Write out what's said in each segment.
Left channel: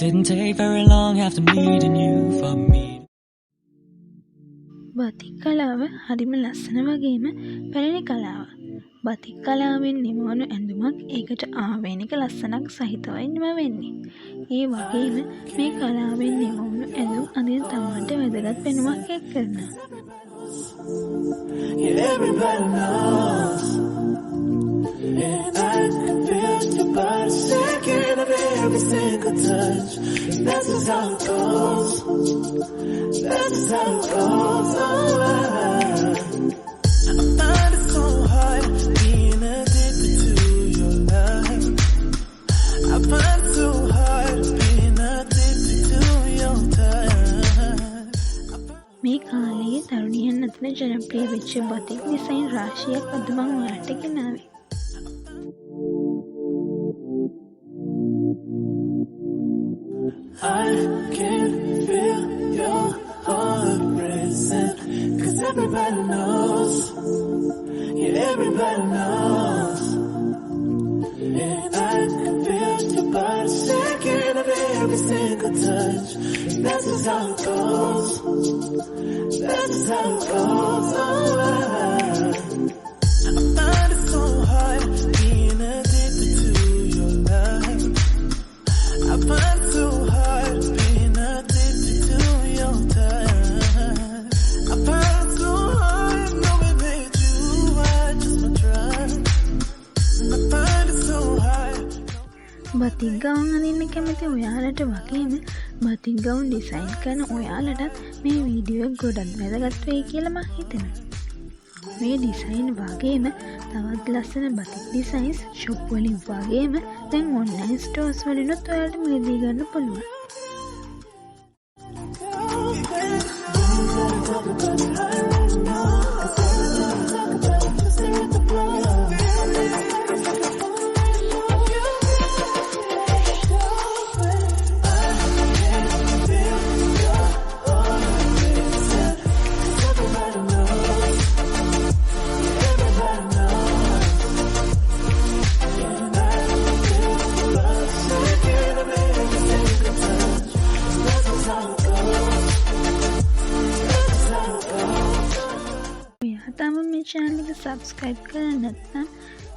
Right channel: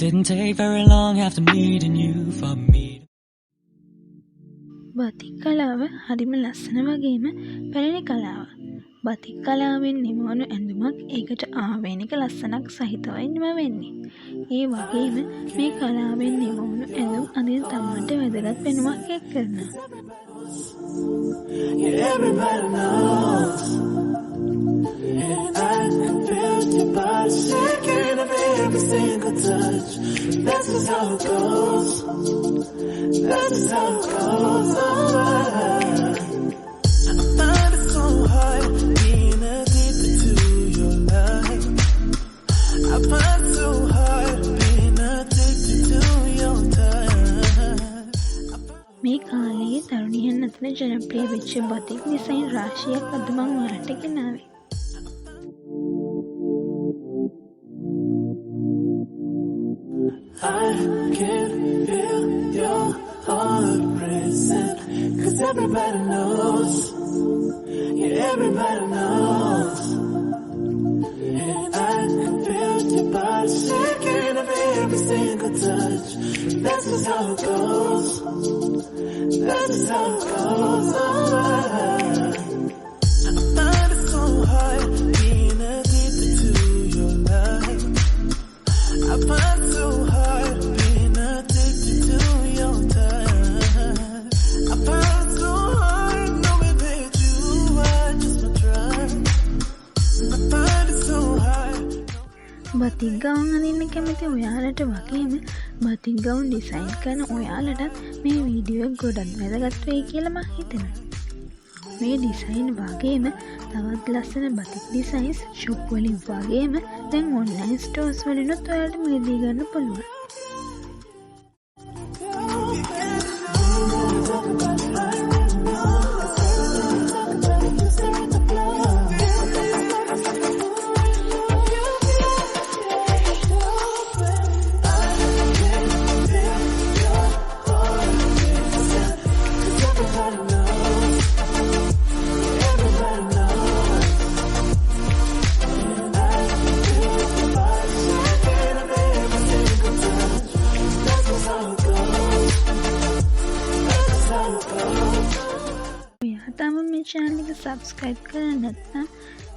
Didn't take very long after meeting you for me. batik කලාව හරිම ලස්සන වගේම පැරණි කලාවක්. batik කලාවෙන් නිමවුණු ඇඳුමක් ඒකට ආවේනික ලස්සනක් සහිතවයි නිම වෙන්නේ. ඒ වගේම මේ කලාවෙන් නිමවුණු ඇඳුම් අඳින තමන්ට වැදගත් පෙනුමක් එක් කරනවා. Yeah, everybody knows. And I can feel your body shaking every single touch. That's just how it goes. That's just how it goes. I find it so hard being addicted to your love. I find it so hard being addicted to your touch. මේ කාලයේ තරුණියන් අතර ජනප්‍රිය වෙච්ච batik design රාශියක් අද මම ඔයාලට ගෙනාවේ. I can feel your heart racing, 'cause everybody knows, yeah, everybody knows. And I can feel your body shaking every single touch. That's just how it goes. That's just how it goes. I find it so hard being addicted to your love. I find it so hard being addicted to your touch. I find it so hard knowing that you are just my drug. I find it so hard. batik gown අඳින්න කැමති ඔයාලට වගේම batik gown design කරන ඔයාලටත් මේ වීඩියෝ එක ගොඩක් වැදගත් වෙයි කියලා මම හිතනවා. මේ ඩිසයින් වගේම තවත් ලස්සන batik ඩිසයින්ස් shop වලින් වගේම දැන් online stores වලිනුත් ඔයාලට මිලදී ගන්න පුළුවන්. තම මේ channel එක subscribe කරලා නැත්නම්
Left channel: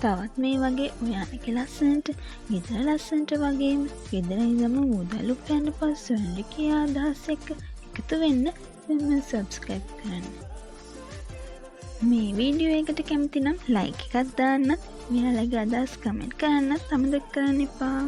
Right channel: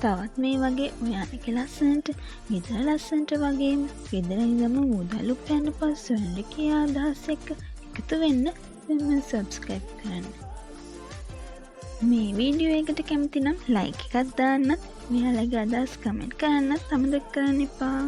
තවත් මේ වගේ ඔයාලගේ ලස්සනට ගෙදර ලස්සනට වගේම ගෙදර ඉඳන්ම මුදල් උපයන්න පස්ස වෙනකේ අදහස් එක්ක එකතු වෙන්න දැන් subscribe කරන්න. මේ වීඩියෝ එකට කැමති නම් like එකක් දාන්න, ඔයාලගේ අදහස් comment කරන්නත් අමතක කරන්න එපා.